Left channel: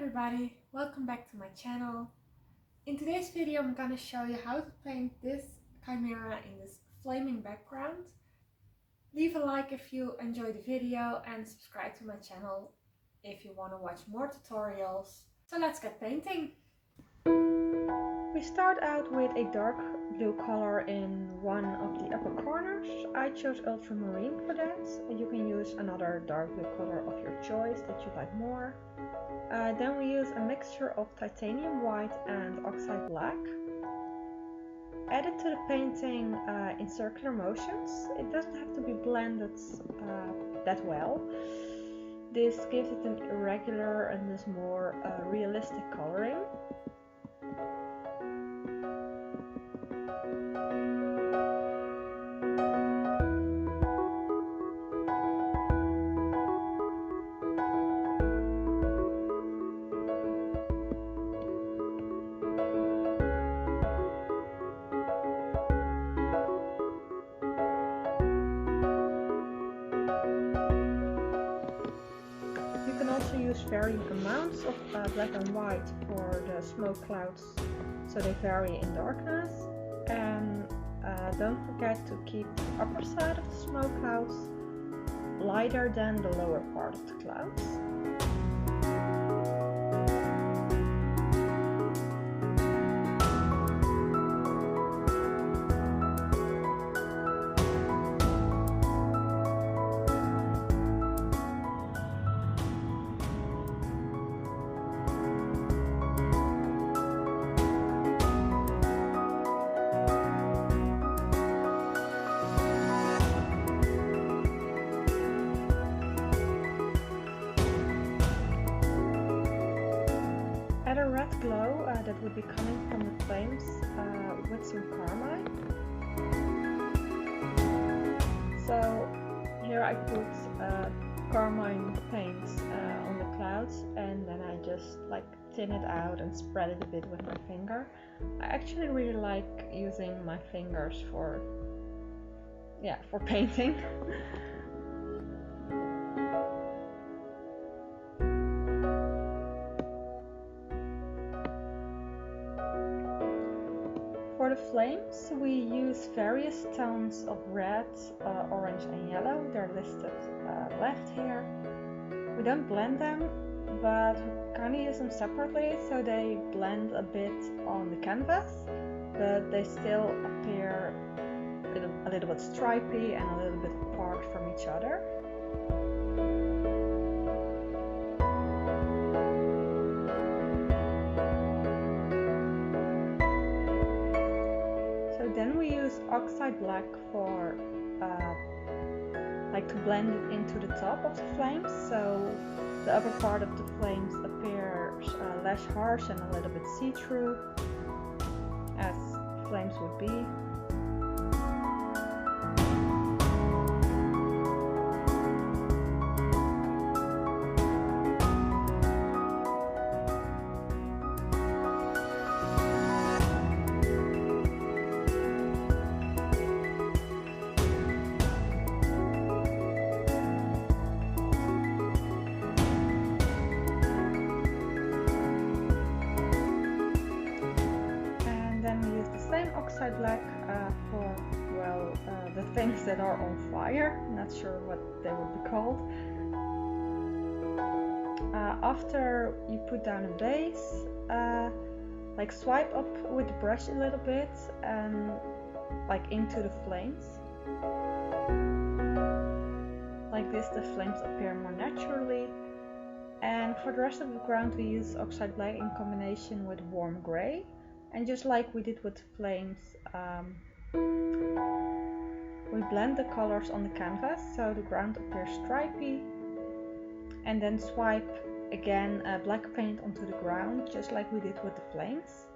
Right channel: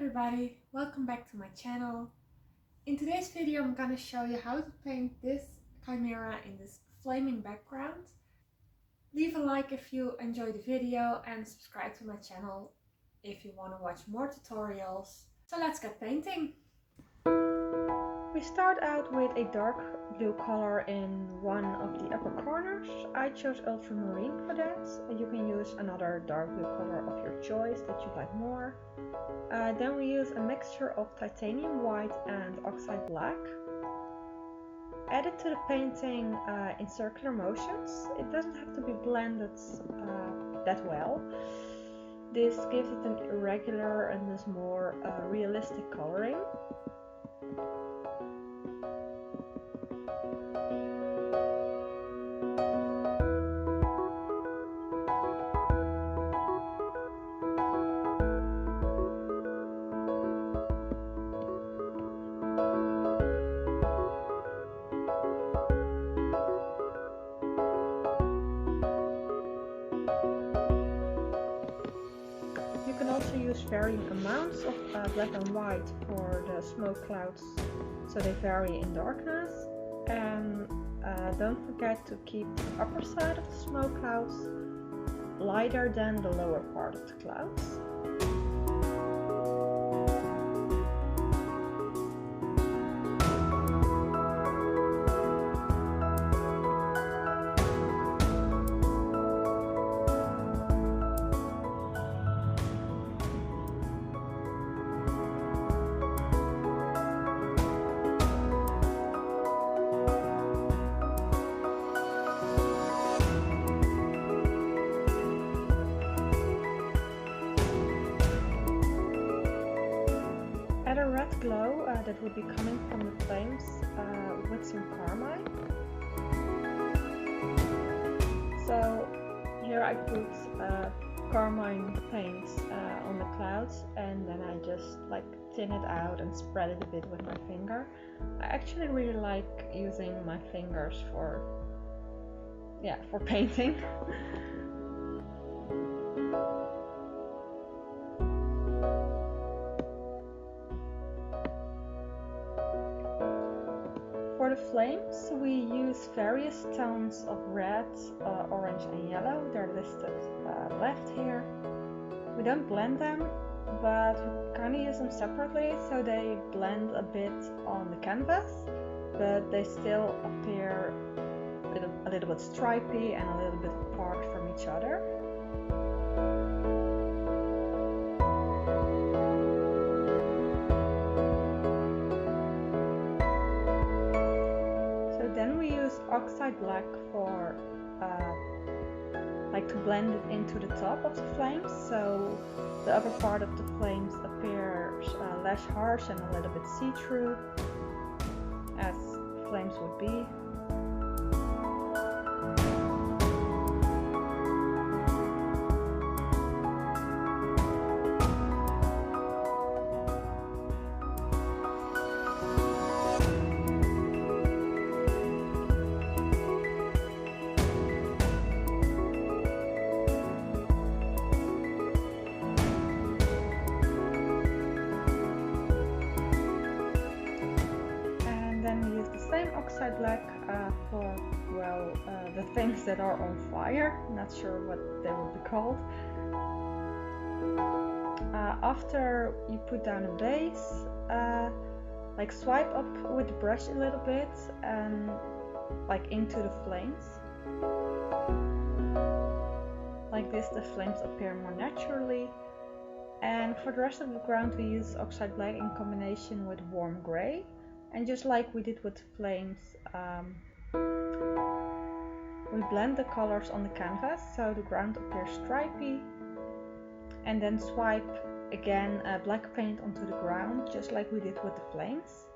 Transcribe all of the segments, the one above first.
everybody, welcome back to my channel. In today's video I'm gonna show you how to paint this chimera in this flaming background. Leave a like if you enjoyed the video and subscribe to my channel if you want to watch more tutorials. So let's get painting. We start out with a dark blue color in one of the upper corners. I chose ultramarine for that. You can use another dark blue color of your choice that you like more. Then we use a mixture of titanium white and oxide black. Add it to the painting in circular motions. It doesn't have to be blended that well. This gives it an irregular and thus more realistic coloring. You can also use varying amounts of black and white for the smoke clouds, so they vary in darkness. And don't forget to keep the upper side of the smoke clouds lighter than the lower part of the clouds. Add a red glow that would be coming from the flames with some carmine. So here I put carmine paint on the clouds, and then I just thin it out and spread it a bit with my finger. I actually really like using my fingers for painting. For the flames, we use various tones of red, orange and yellow. They're listed left here. We don't blend them, but we kind of use them separately, so they blend a bit on the canvas, but they still appear a little bit stripy and a little bit apart from each other. Then we use oxide black for to blend it into the top of the flames, so the upper part of the flames appears less harsh and a little bit see-through, as flames would be. Then we use the same oxide black for, the things that are on fire. Not sure what they would be called. After you put down a base, swipe up with the brush a little bit and into the flames. Like this, the flames appear more naturally. And for the rest of the ground, we use oxide black in combination with warm gray. And just like we did with the flames, we blend the colors on the canvas so the ground appears stripy, and then swipe again black paint onto the ground just like we did with the flames.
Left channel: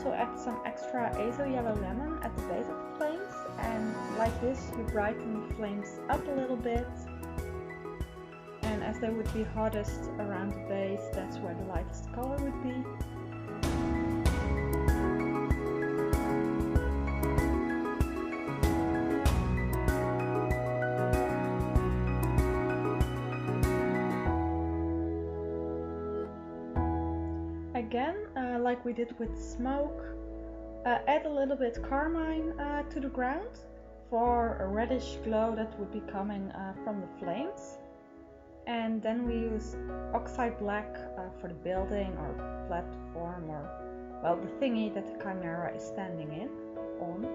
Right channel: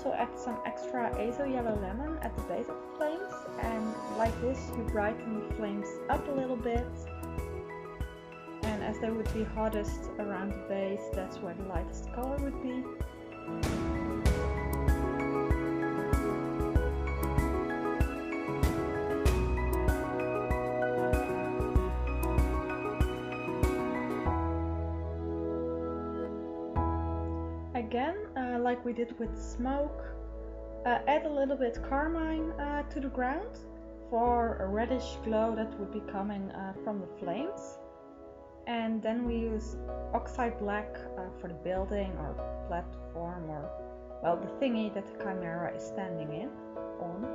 also add some extra azo yellow lemon at the base of the flames, and like this you brighten the flames up a little bit. And as they would be hottest around the base, that's where the lightest color would be. Again, like we did with smoke, add a little bit carmine to the ground for a reddish glow that would be coming from the flames. And then we use oxide black for the building or platform, or well, the thingy that the Chimera is standing on.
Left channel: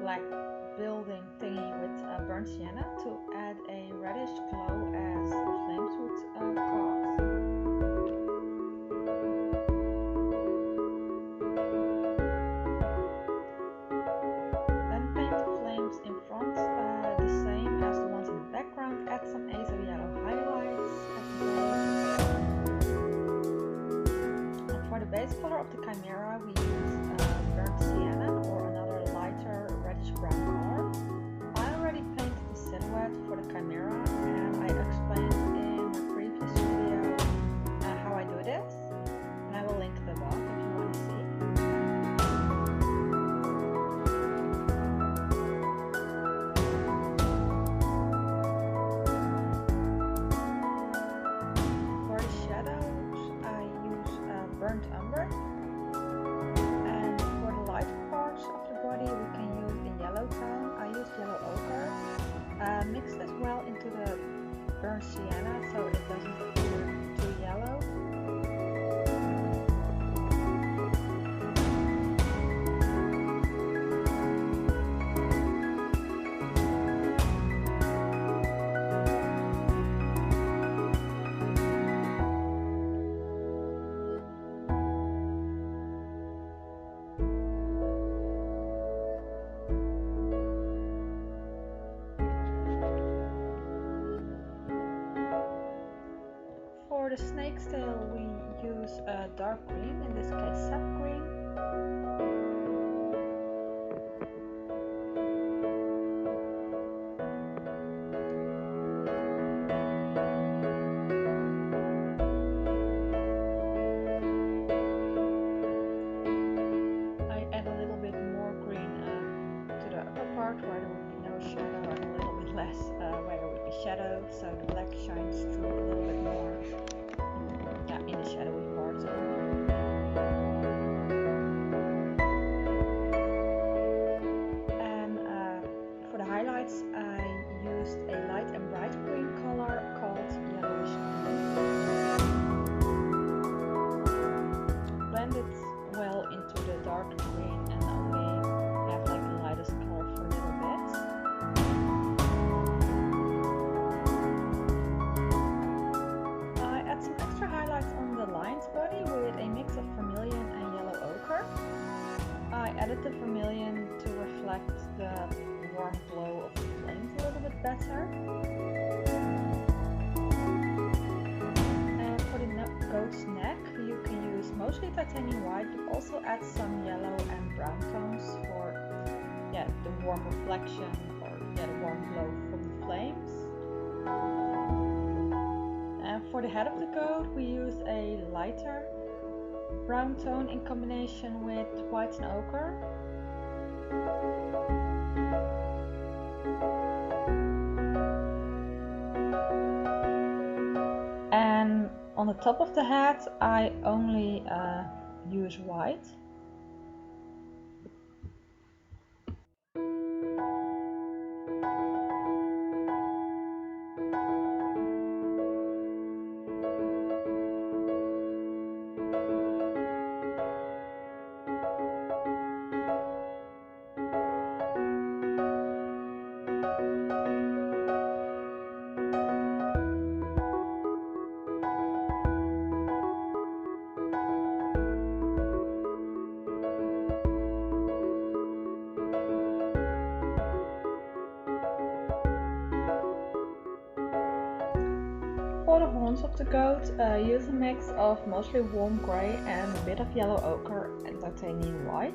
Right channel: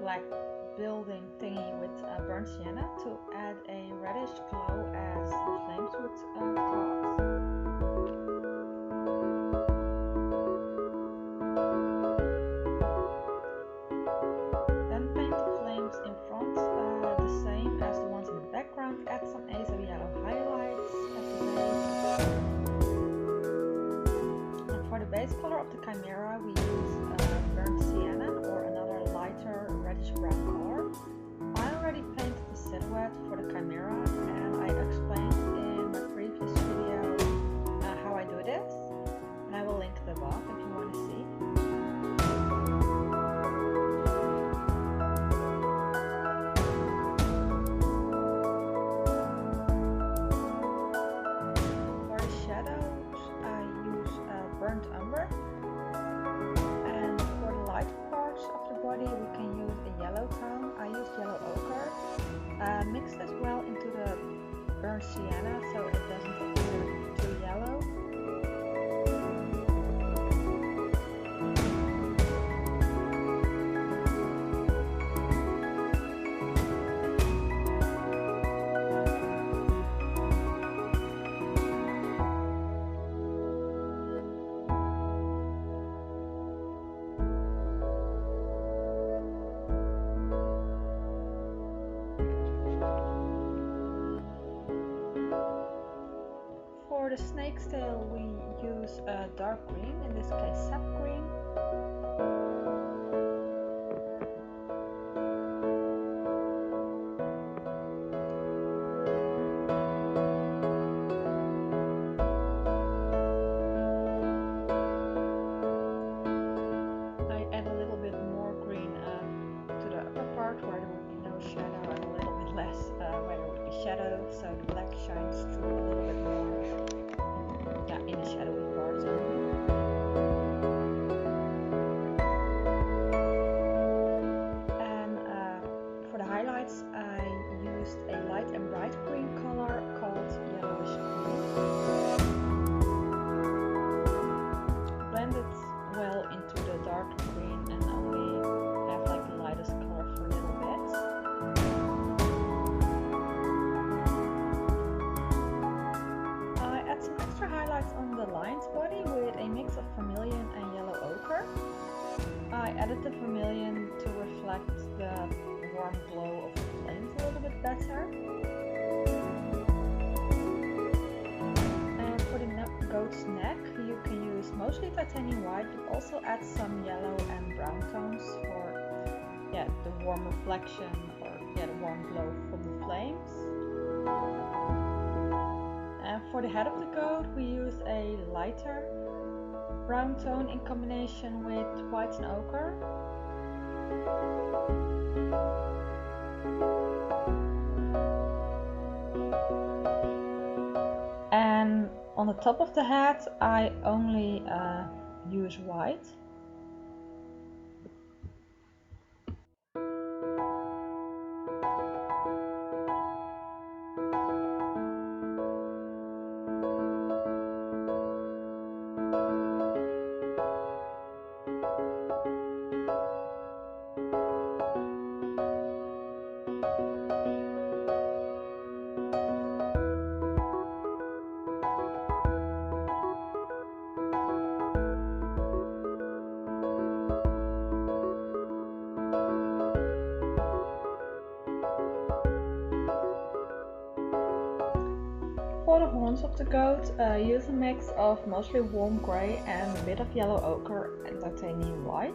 Black building thingy with burnt sienna to add a reddish glow as the flames would cause. Then paint the flames in front the same as the ones in the background. Add some azo yellow highlights at the base. And for the base color of the Chimera we use burnt sienna or another lighter reddish brown color. I already painted the silhouette for the Chimera and I explained in my previous video how I do this, and I will link it above if you want to see. For the shadows I use burnt umber. Of the body we can use a yellow tone. I used yellow ochre. Mix this well into the burnt sienna so it doesn't appear too yellow. For the snake's tail we use a dark green, in this case sap green. I add a little bit more green to the upper part where there would be no shadow, and a little bit less where there would be shadow, so the black shines through a little bit more in the shadowy parts only. bright green color called yellowish onion. Blend it well into the dark green and only have like the lightest color for a little bit. I add some extra highlights on the lion's body with a mix of vermilion and yellow ochre. I added the vermilion to reflect the warm glow of the flames a little bit better. And for the goat's neck, you can use mostly titanium white, but also add some yellow and brown tones for the warm reflection or the warm glow from the flames. And for the head of the goat, we use a lighter brown tone in combination with white and ochre. And on the top of the head, I only use white. For the horns of the goat, use a mix of mostly warm grey and a bit of yellow ochre and titanium white.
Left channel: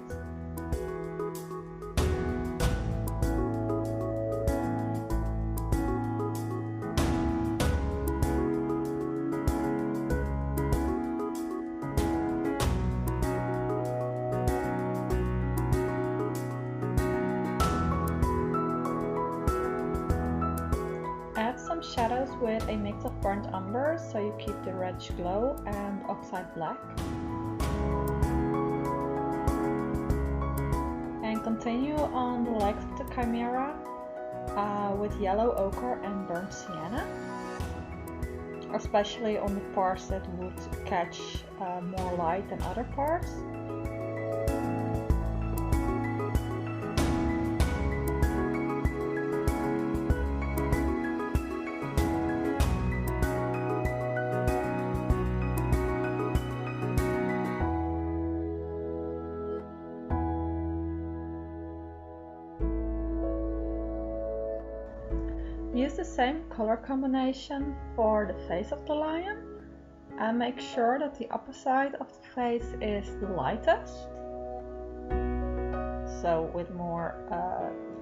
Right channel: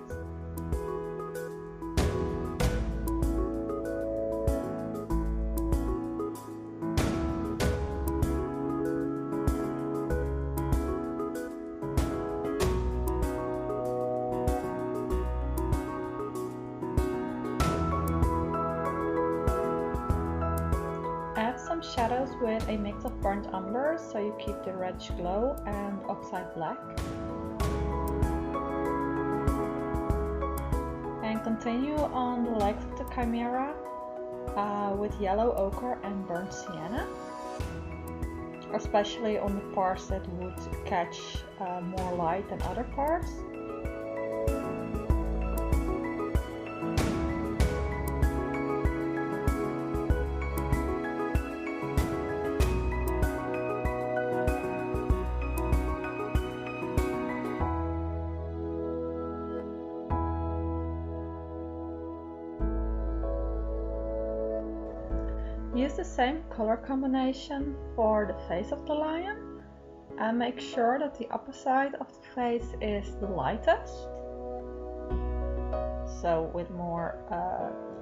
Add some shadows with a mix of burnt umber so you keep the reddish glow and oxide black. And continue on the legs of the Chimera with yellow ochre and burnt sienna, especially on the parts that would catch more light than other parts. Use the same color combination for the face of the lion and make sure that the upper side of the face is the lightest, so with more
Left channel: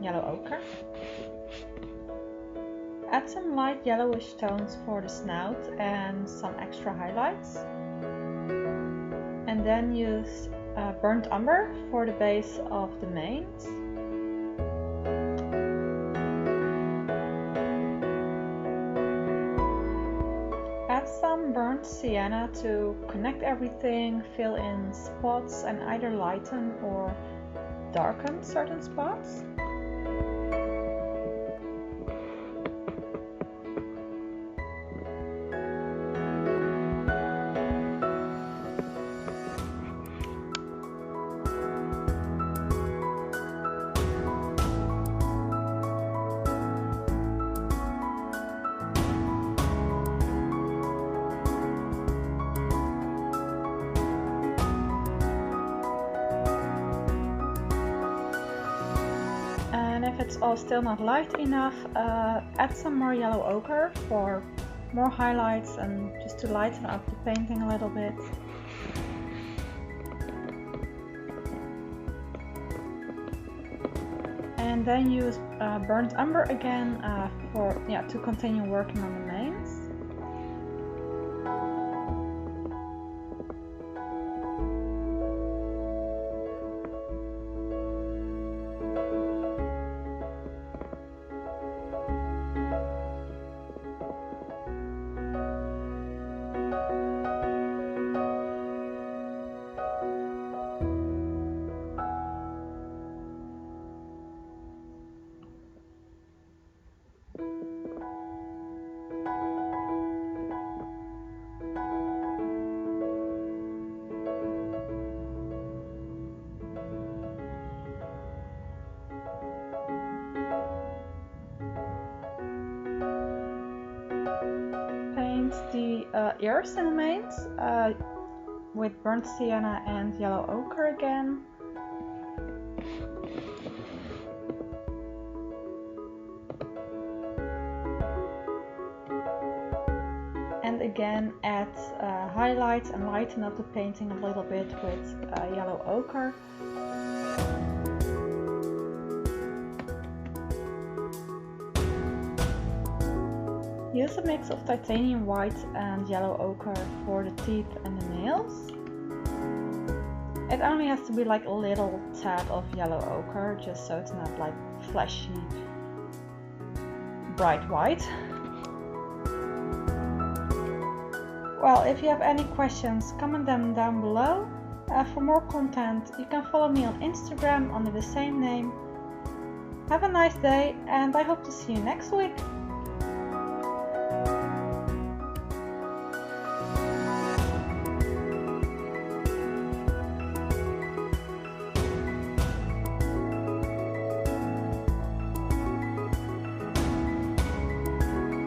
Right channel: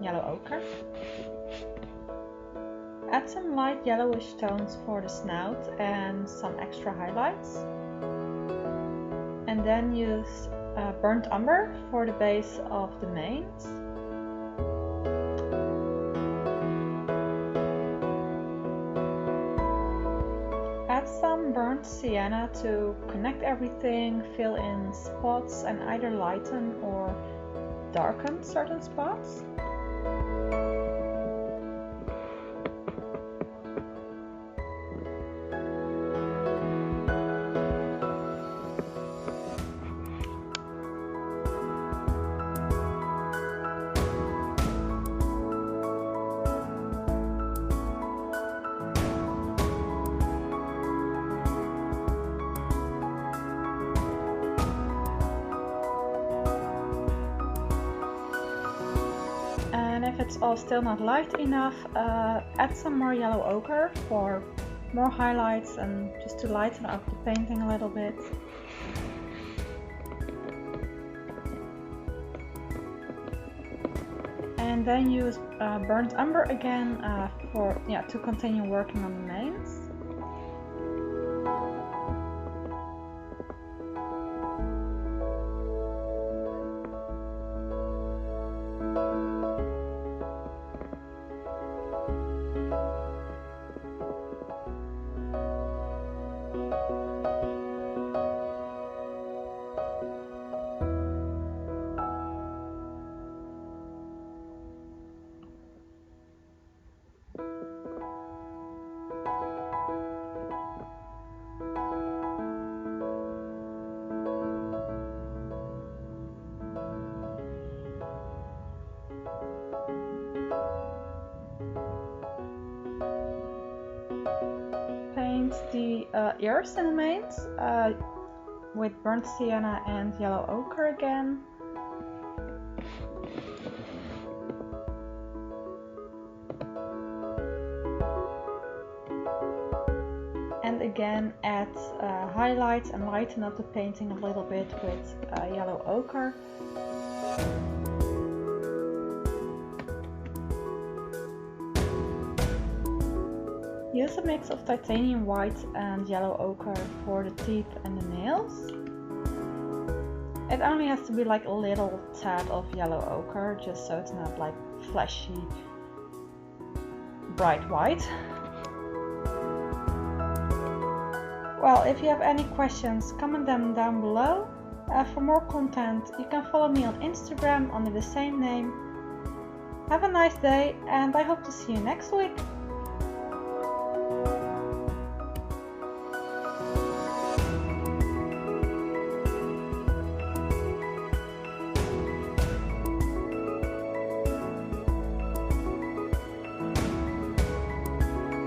yellow ochre. Add some light yellowish tones for the snout and some extra highlights, and then use burnt umber for the base of the manes. Add some burnt sienna to connect everything, fill in spots and either lighten or darken certain spots. And if it's all still not light enough, add some more yellow ochre for more highlights and just to lighten up the painting a little bit. And then use burnt umber again to continue working on the manes. the ears and the mains with burnt sienna and yellow ochre again. And again add highlights and lighten up the painting a little bit with yellow ochre. Use a mix of titanium white and yellow ochre for the teeth and the nails. It only has to be like a little tad of yellow ochre, just so it's not like flashy, bright white. Well, if you have any questions, comment them down below. For more content, you can follow me on Instagram under the same name. Have a nice day, and I hope to see you next week.